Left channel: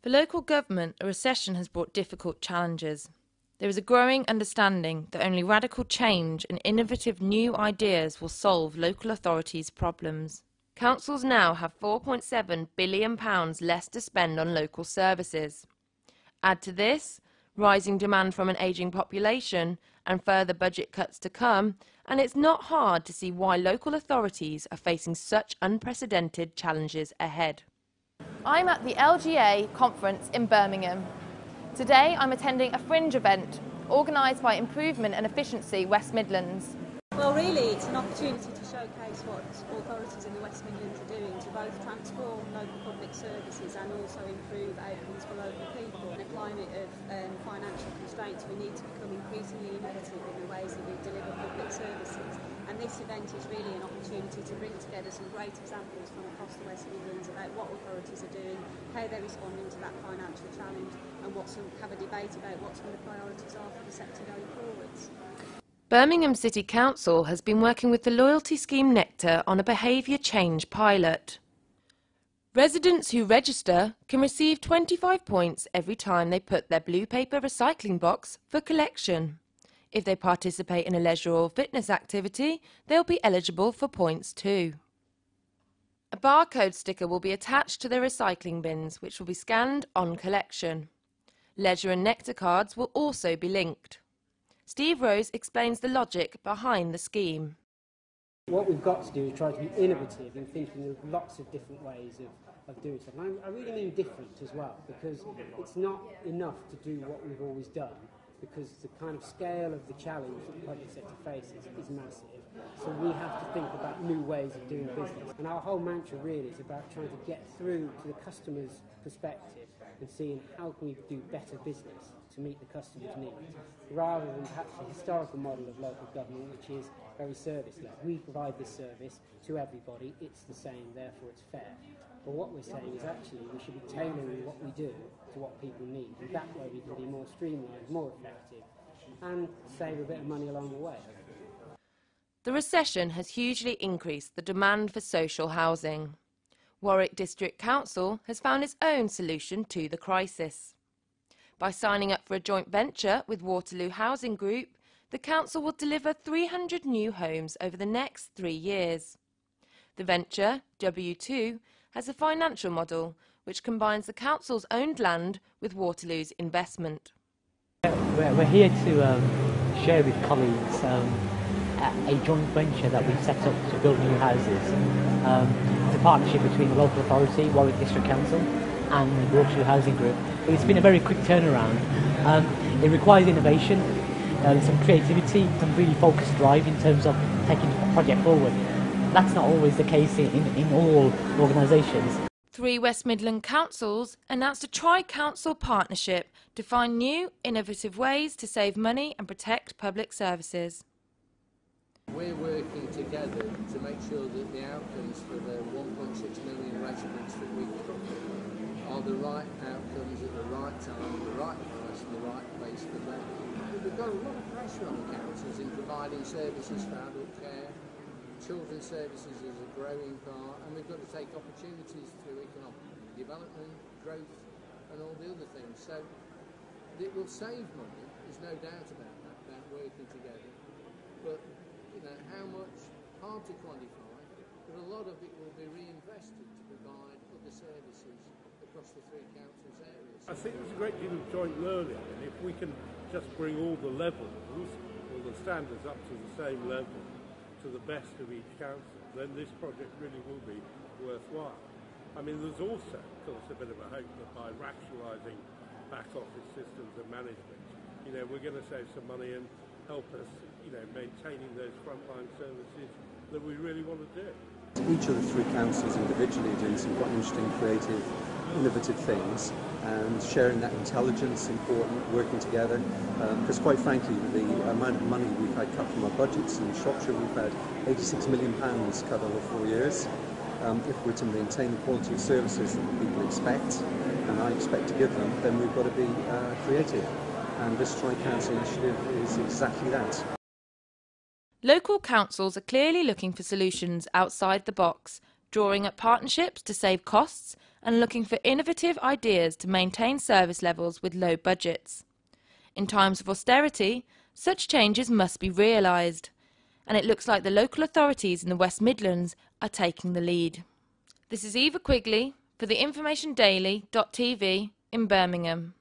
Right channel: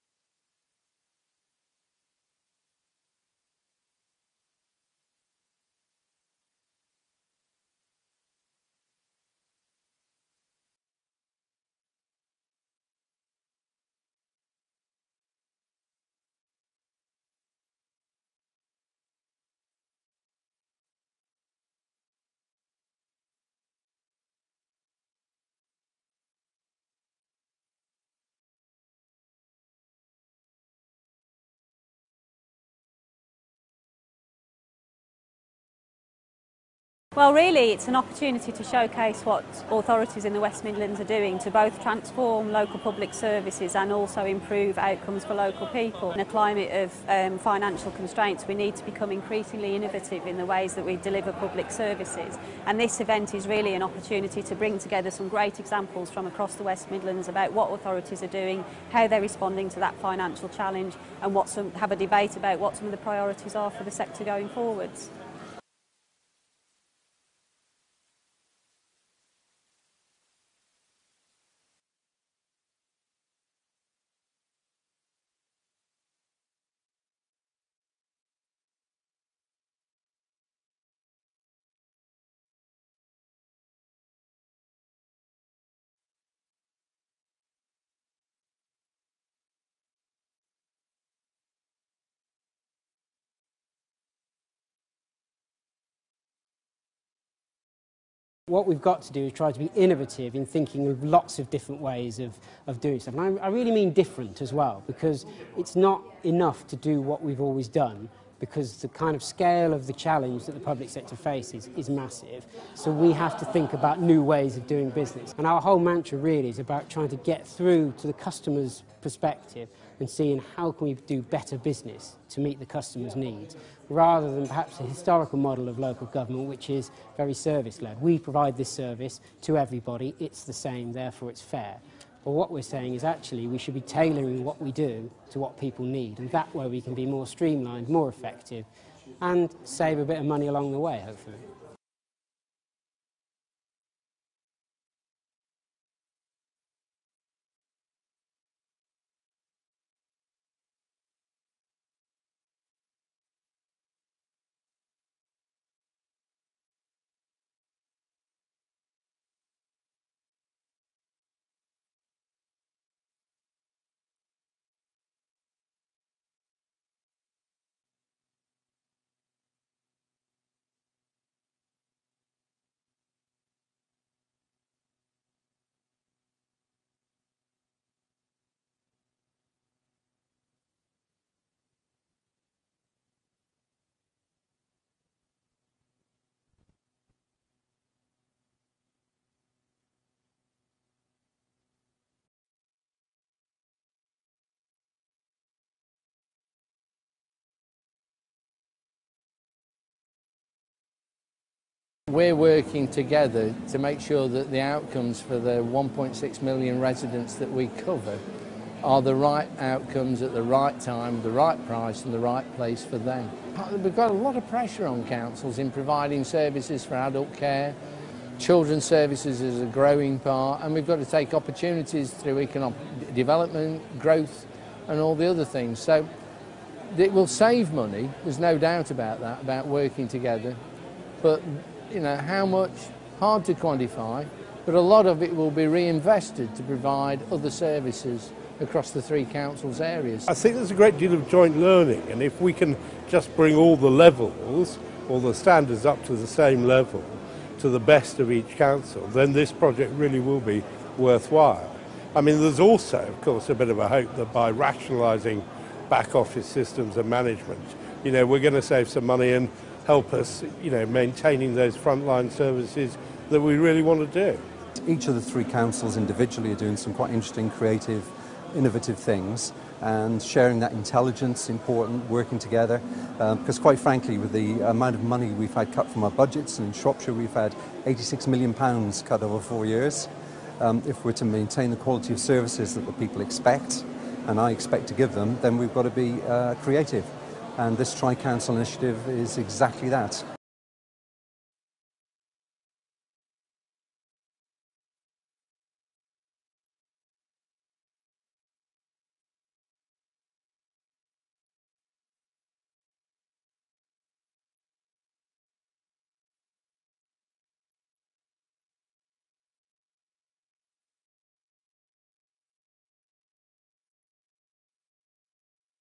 For local government, a recession has brought difficult challenges. There is a growing understanding that only radical change and innovative new ideas will solve local authorities' problems. Councils now have £4.7 billion less to spend on local services. Add to this rising demand from an ageing population and further budget cuts to come, and it's not hard to see why local authorities are facing such unprecedented challenges ahead. I'm at the LGA conference in Birmingham. Today I'm attending a fringe event organised by Improvement and Efficiency West Midlands. Well, really it's an opportunity to showcase what authorities in the West Midlands are doing to both transform local public services and also improve outcomes for local people. In a climate of financial constraints, we need to become increasingly innovative in the ways that we deliver public services, and this event is really an opportunity to bring together some great examples from across the West Midlands about what authorities are doing, how they're responding to that financial challenge, and have a debate about what some of the priorities are for the sector going forwards. Birmingham City Council has been working with the loyalty scheme Nectar on a behaviour change pilot. Residents who register can receive 25 points every time they put their blue paper recycling box for collection. If they participate in a leisure or fitness activity, they'll be eligible for points too. A barcode sticker will be attached to their recycling bins, which will be scanned on collection. Leisure and Nectar cards will also be linked. Steve Rose explains the logic behind the scheme. What we've got to do is try to be innovative in thinking of lots of different ways of doing stuff. And I really mean different as well, because it's not enough to do what we've always done, because the kind of scale of the challenge that the public sector faces is massive. So we have to think about new ways of doing business. And our whole mantra really is about trying to get through to the customer's perspective and seeing how can we do better business to meet the customer's needs, rather than perhaps a historical model of local government which is very service-led. We provide this service to everybody, it's the same, therefore it's fair. But what we're saying is actually we should be tailoring what we do to what people need, and that way we can be more streamlined, more effective, and save a bit of money along the way, hopefully. The recession has hugely increased the demand for social housing. Warwick District Council has found its own solution to the crisis. By signing up for a joint venture with Waterloo Housing Group, the council will deliver 300 new homes over the next 3 years. The venture, W2, has a financial model which combines the council's owned land with Waterloo's investment. We're here to share with colleagues a joint venture that we've set up to build new houses. It's a partnership between the local authority, Warwick District Council, and the Waterloo Housing Group. But it's been a very quick turnaround. It requires innovation, some creativity, some really focused drive in terms of taking a project forward. That's not always the case in all organisations. 3 West Midland councils announced a tri-council partnership to find new, innovative ways to save money and protect public services. We're working together to make sure that the outcomes for the 1.6 million residents that we cover are the right outcomes at the right time, the right price and the right place for them. We've got a lot of pressure on councils in providing services for adult care. Children's services is a growing part, and we've got to take opportunities through economic development, growth and all the other things. So it will save money, there's no doubt about that, about working together. But you know, how much, hard to quantify, but a lot of it will be reinvested to provide other services across the 3 councils' areas. I think there's a great deal of joint learning, and if we can just bring all the levels, all the standards up to the same level, to the best of each council, then this project really will be worthwhile. I mean, there's also, of course, a bit of a hope that by rationalising back office systems and management, you know, we're going to save some money and help us, you know, maintaining those frontline services that we really want to do. Each of the 3 councils individually are doing some quite interesting, creative, innovative things, and sharing that intelligence is important, working together, because quite frankly, with the amount of money we've had cut from our budgets in Shropshire, we've had £86 million cut over 4 years. If we're to maintain the quality of services that the people expect, and I expect to give them, then we've got to be creative. And this Tri-Council initiative is exactly that. Local councils are clearly looking for solutions outside the box, drawing up partnerships to save costs and looking for innovative ideas to maintain service levels with low budgets. In times of austerity, such changes must be realised, and it looks like the local authorities in the West Midlands are taking the lead. This is Eva Quigley for the informationdaily.tv in Birmingham.